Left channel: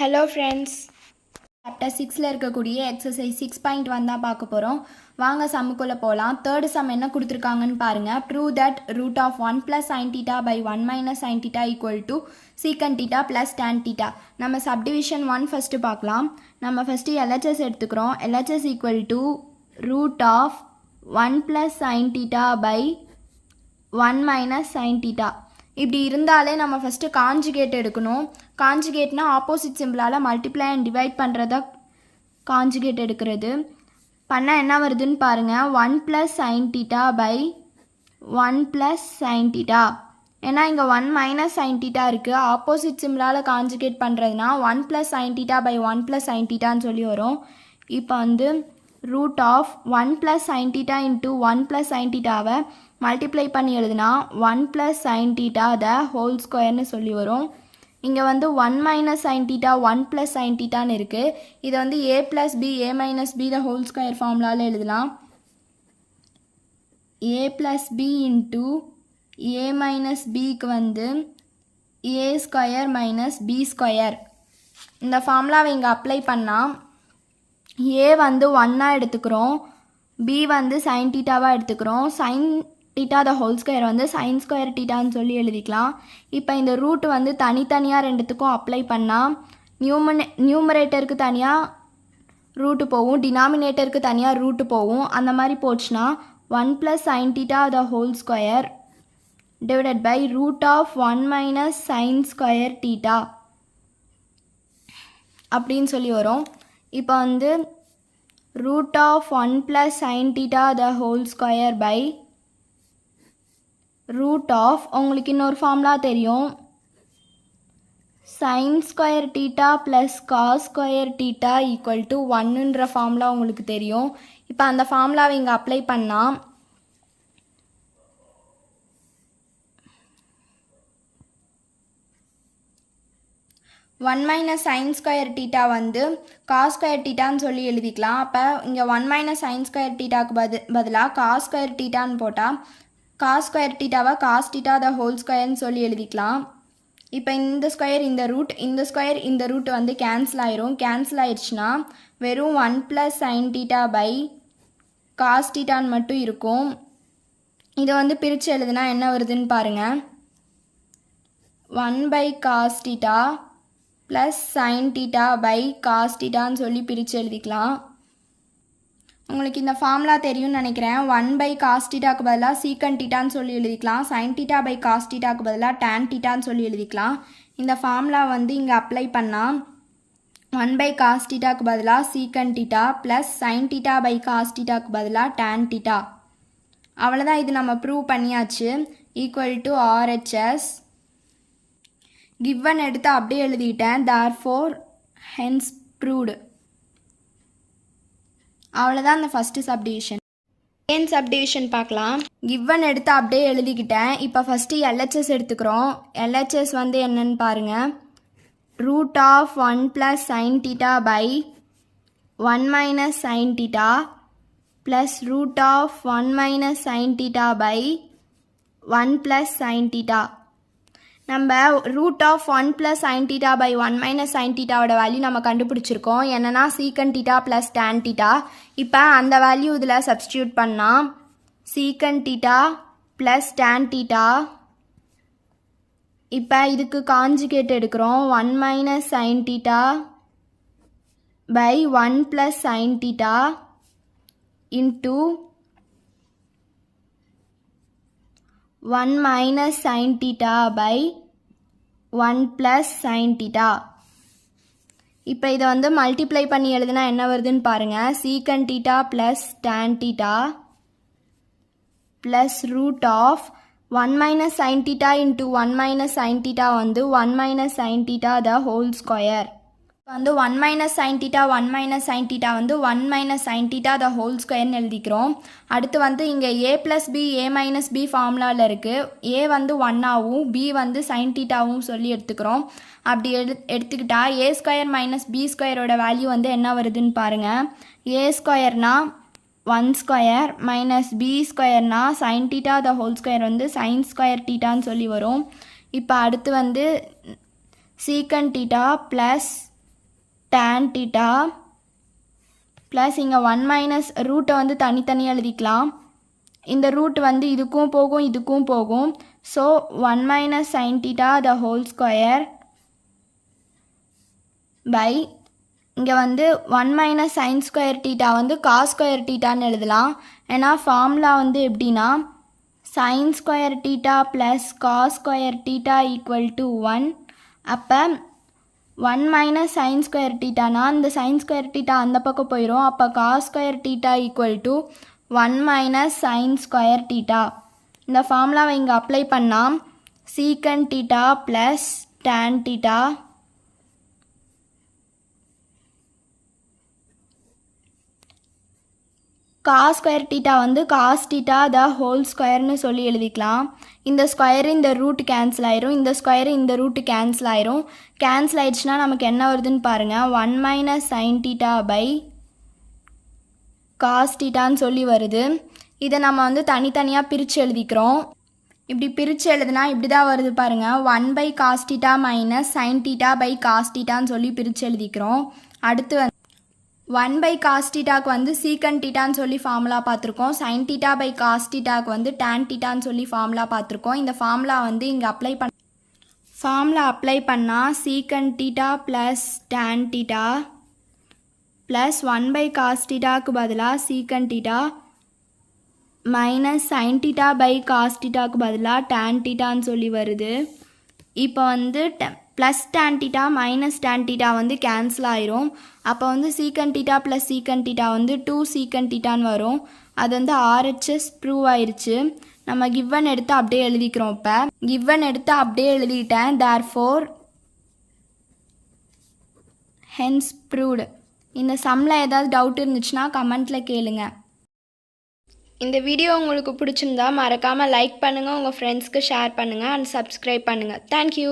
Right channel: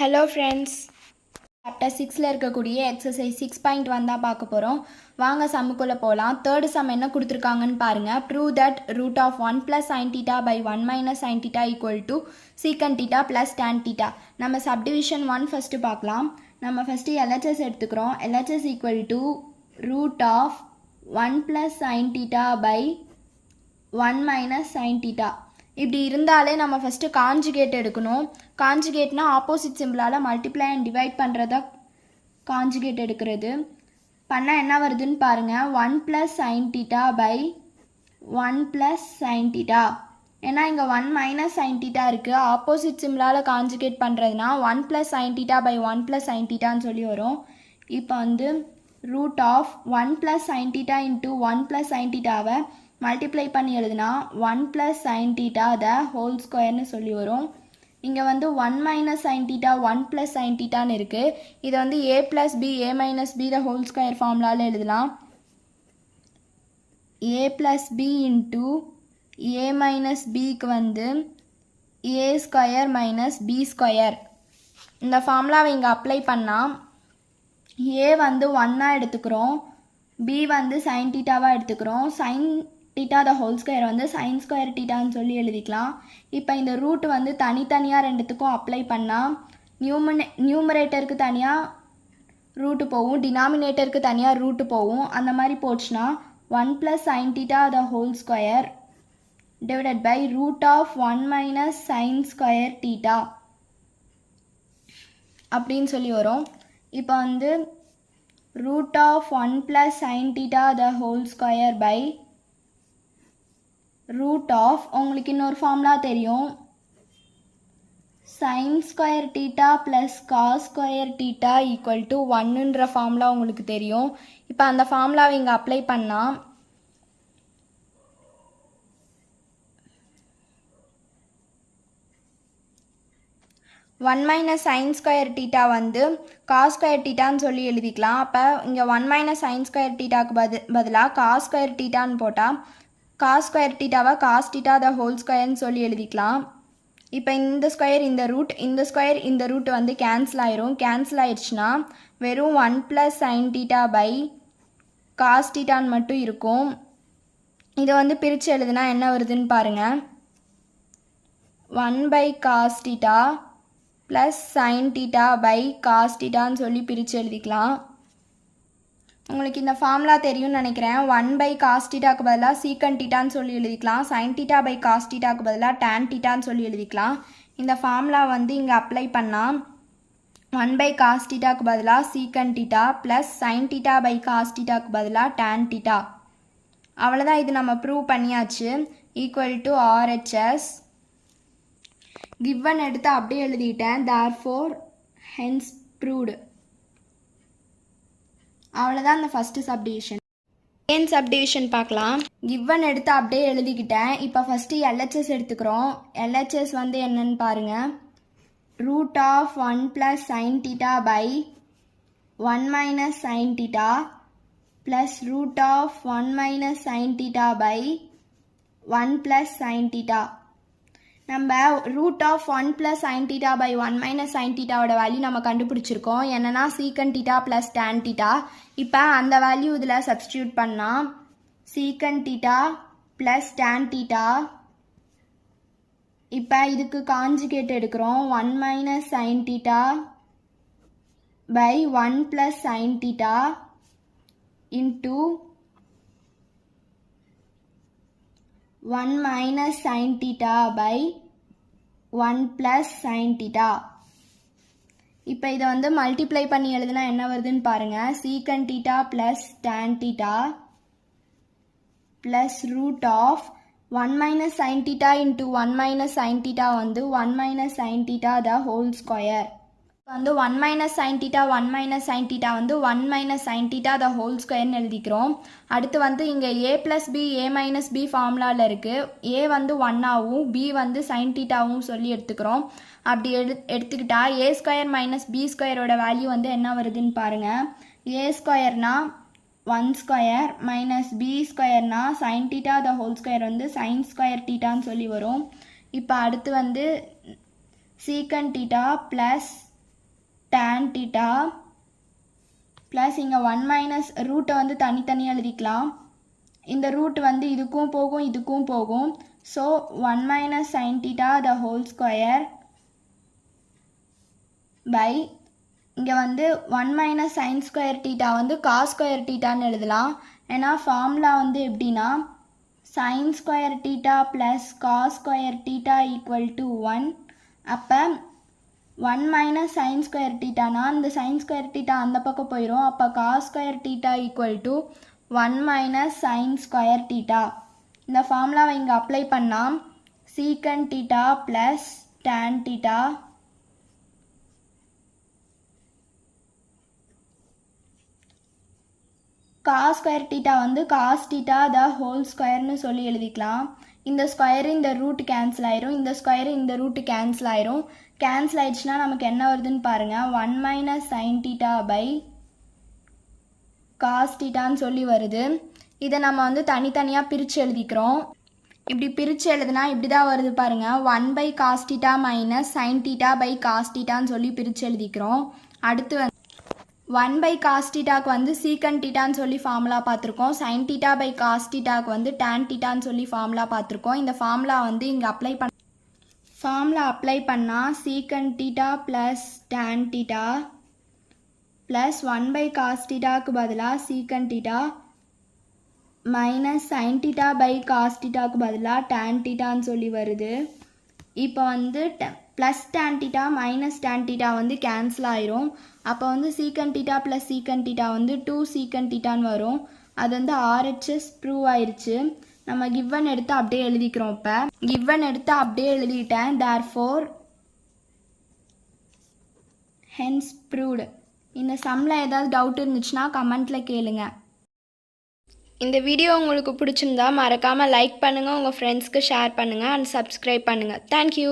Hello friends, chapter 6ல் இருக்கக்கூடிய exercise 6.1 தான் பார்க்க போகிறோம். வாங்க சம்முக்குள்ளே போகலாம். தேர்டு சம் என்ன கொடுத்துருக்காங்கன்னு பாருங்கள். Prove that root of 1 + sin θ by 1 - sin θ equal to secant θ plus tan θ. நம்ம சப்டிவிஷன் 1 ஃபஸ்ட்டு பார்க்கலாம். நம்ம ஃபஸ்ட்டு LHS எடுத்துக்கிறோம். LHS equal to root of 1 + sin θ by 1 - sin θ. இப்படி இருந்தாலே நம்ம ஃபஸ்ட்டு காஞ்சுகேட் எடுக்கணும். காஞ்சுகேட்னா ஆப்போசிட் சிம்பிளால் மல்டிப்ளை அண்ட் டிவைட் பண்ணுறதா காஞ்சுகேட் எடுக்கிறது. பண்ணால் என்ன வருதுன்னு பாருங்கள். 1 + sin θ by 1 + sin θ. ஏன்னா இங்கே 1 - sin θ இருக்குது. ஆப்போசிட் சிம்பிளால் காஞ்சுகேட் பண்ணுறதுனா 1 + sin θ by 1 + sin θன்னு சொல்லி வரும். இப்போ வந்து root of 1 + sin θ into 1 + sin θவை மல்டிப்ளை பண்ணி எழுதுனா 1 + sin θ த ஹோல் ஸ்கொயர்னு சொல்லி வரும். இங்கே வந்து 1 - sin θ 1 + sin θன்னு இருக்குது. இதை வந்து a + b a - b the whole square ஃபார்முலாவில் எழுதலாம். a + b இன்ட்டு a - bக்கு வந்து a ஸ்கொயர் - b ஸ்கொயர். இந்த ஃபார்முலாவை இங்கே அப்ளை பண்ணால் a வந்து 1ஆக எடுத்துக்கிறோம், b வந்து sin θவாக எடுத்துக்கிறோம். sin θ த ஹோல் ஸ்கொயர் வந்து sin ஸ்கொயர் θன்னு சொல்லி எழுதிக்கலாம். இப்போ இந்த ரூட் வந்து தனித்தனியாக ரெண்டுத்துக்கும் அப்ளை பண்ணால் நியூமரேட்டருக்கு தனியாக ரூட்டு போகும், டினாமினேட்டருக்கு தனியாக ரூட்டு போகும். அந்த மாதிரி போச்சுன்னா 1 + sin θ the whole square divided by root of 1 - sin square θ அப்படின்னு சொல்லி வரும். இப்போ வந்து root of 1 + sin θ the whole square by root of, உங்களுக்கு இன்னொரு ஃபார்முலா தெரியும், sin square θ plus cos square θ equal to 1ன்ற ஃபார்முலா உங்களுக்கு தெரியும். இப்போ அந்த ஃபார்முலாவை இங்கே அப்ளை பண்ணால் 1 - sin ஸ்கொயர் θ வந்து cos ஸ்கொயர் θன்னு சொல்லி எழுதிக்கலாம். அப்போ இங்கே 1 - sin ஸ்கொயர் θக்கு பதிலாக cos ஸ்கொயர் θன்னு போட்டால் cos ஸ்கொயர் θவை cos θ த ஹோல் ஸ்கொயர்னு சொல்லி எழுதிக்கலாம். இப்போ இந்த ஸ்கொயர் இந்த ரூட், இந்த ஸ்கொயர் இந்த ரூட் வந்து கேன்சல் ஆயிரும். கேன்சல் ஆயிடுச்சுன்னா வெறும் 1 + sin θ by cos θன்னு மட்டும் இருக்கும். இதை வந்து பிரித்து எழுதுனா என்ன வருதுன்னு பாருங்கள். 1 / cos θ plus sin θ by cos θன்னு சொல்லி பிரித்து எழுதிக்கலாம். உங்களுக்கு இந்த ஃபார்முலா தெரியும்னு நினைக்கிறேன். 1 / cos θக்கு பதிலாக சீக்கன் θன்னு சொல்லி எழுதிக்கலாம். sin θ by cos θக்கு பதிலாக tan θன்னு சொல்லி எழுதிக்கலாம். இந்த ஃபார்முலா வந்து இங்கே அப்ளை பண்ணால் 1 / cos θக்கு பதிலாக சீக்கன் θ ப்ளஸ் sin θ by cos θக்கு பதிலாக tan θ. அவ்வளோதான், இது நம்ம ப்ரூவ் பண்ணியாச்சு. Equal to RHS. கிவன் எடுத்து அப்படியே எழுதிட்டேன். therefore hence proved. அவ்வளோதான் அந்த ஃபஸ்ட்டு சப்டிவிஷன். செகண்ட் சப்டிவிஷன் பார்க்கலாம். கிவன் எடுத்து அப்படியே எழுதிக்கிட்டேன். இப்போ ஃபஸ்ட்டு LHS எடுத்துக்கிறோம். LHS வந்து என்னன்னு பாருங்கள். Root of 1 + sin θ by 1 - sin θ plus root of 1 - sin θ by 1 + sin θ. நம்ம root of 1 + sin θ by 1 - sin θவோட வேல்யூ நம்ம கண்டுபிடிச்சிருக்கோம். என்னன்னா சீக்கன் θ ப்ளஸ் tan θ. இப்போ அந்த வேல்யூ இதில் சப்ஸ்டியூட் பண்ணால் சீக்கன் θ ப்ளஸ் tan θ. இப்போ இதுக்கு காஞ்சுகேட் எடுக்கிறோம். 1 - sin θ by 1 + sin θ into 1 - sin θ by 1 + sin θ. இப்போ இதை வந்து மல்டிப்ளை பண்ணி எழுதுனா என்ன வருதுன்னு பாருங்கள். Secant θ plus tan θ plus root of 1 - sin θ into 1 - sin θ வந்து 1 - sin θ த ஹோல் ஸ்கொயர். இப்போ வந்து 1 - sin θ 1 - sin θ வந்து 1 - sin θ த ஹோல் ஸ்கொயர்னு எழுதிக்கிறோம். அடுத்து வந்து இங்கே a + b a - b ஃபார்முலாவில் இருக்குது. a வந்து 1ஆகவும் b வந்து sin θவும் சொல்லி எடுத்துக்கிறோம். அப்படி எடுத்துக்கிட்டா a ஸ்கொயர் - b ஸ்கொயரோட வேல்யூ வந்து என்ன வருதுன்னு பாருங்கள். a ஸ்கொயர்னா 1 ஸ்கொயர் - b ஸ்கொயர்னா sin θ த ஹோல் ஸ்கொயர் வந்து sin ஸ்கொயர் θன்னு சொல்லி வரும். இப்போ அடுத்து வந்து சீக்கன் θ ப்ளஸ் tan theta ப்ளஸ் இங்கே 1 மைனஸ் ரூட்டை வந்து தனித்தனியாக எழுதிக்கலாம். இந்த ரூட் வந்து இதுக்கும் போகும் இதுக்கும் போகும். So 1 minus sine theta the whole square by இங்கே வந்து 1 மைனஸ் சைன் ஸ்கொயர் தீட்டா வந்து காஸ் ஸ்கொயர் தீட்டான்னு எழுதலாம். ஏன்னா ஃபார்முலா வந்து எப்படின்னா sine square theta plus cos square theta equal to 1. அப்போ 1 மைனஸ் சைன் ஸ்கொயர் தீட்டானா இந்த சைன் ஸ்கொயர் தீட்டா அந்த பக்கம் போயிடும். அப்போ cos square theta equal to 1 minus sine square theta. இந்த ஃபார்முலாவை இங்கே அப்ளை பண்ணால் சீக்கன் theta plus tan theta cos square theta வந்து காஸ் தீட்டா த ஹோல் ஸ்கொயர்னு சொல்லி எழுதிக்கலாம். இந்த ஸ்கொயரு இந்த ரூட் கேன்சல் ஆயிரும், இந்த ஸ்கொயரு இந்த ரூட்டு கேன்சல் ஆயிரும். கேன்சல் ஆயிடுச்சுன்னா நமக்கு என்ன வருதுன்னு பாருங்கள். 1 minus sine theta by cos தீட்டான்னு சொல்லி வருது. இதை நம்ம வந்து தனித்தனியாக பிரித்து எழுதிக்கிறோம். இப்படி பிரித்து எழுதுனா இப்படி தான் வருது பாருங்கள். 1 by cos theta minus sine theta by cos தீட்டான்னு சொல்லி பிரித்து எழுதிக்கிறோம். அடுத்து வந்து 1 பை காஸ் தீட்டாக்கு வந்து சீக்கன் தீட்டான்னு சொல்லி ஃபார்முலா பார்த்துருக்கோம். சைன் தீட்டா பை காஸ் தீட்டாக்கு வந்து டேன் தீட்டான்னு சொல்லி ஃபார்முலா பார்த்துருக்கோம். இந்த ஃபார்முலா வந்து இங்கே அப்ளை பண்ணால் சீக்கன் theta plus tan theta plus 1 by cos தீட்டாக்கு பதிலாக secant theta minus sine theta by cos தீட்டாக்கு பதிலாக டேன் தீட்டான்னு சொல்லி வருது. இப்போ வந்து plus tan theta minus tan theta வந்து கேன்சல் ஆயிரும். அப்போ வந்து சீக்கன் தீட்டா ப்ளஸ் சீக்கன் தீட்டா வந்து 2 சீக்கன் தீட்டான்னு வரும். அது வந்து RHS ப்ரூவ் ஆயிடுச்சு. நம்ம கிவன் எடுத்து அப்படியே எழுதிக்கிறோம். இப்போ கிவன் எடுத்து அப்படியே எழுதிட்டேன். therefore hence proved. இந்த சம்மில் ஏதாவது டவுட் இருந்துச்சுன்னா கமெண்ட்டில் கேளுங்க. இந்த வீடியோ உங்களுக்கு பிடிச்சிருந்தா மறக்காமல் லைக் பண்ணுங்கள், உங்கள் ஃப்ரெண்ட்ஸ்க்கு ஷேர் பண்ணுங்கள் அண்ட் சப்ஸ்கிரைப் பண்ணுங்கள். தேங்க்யூ.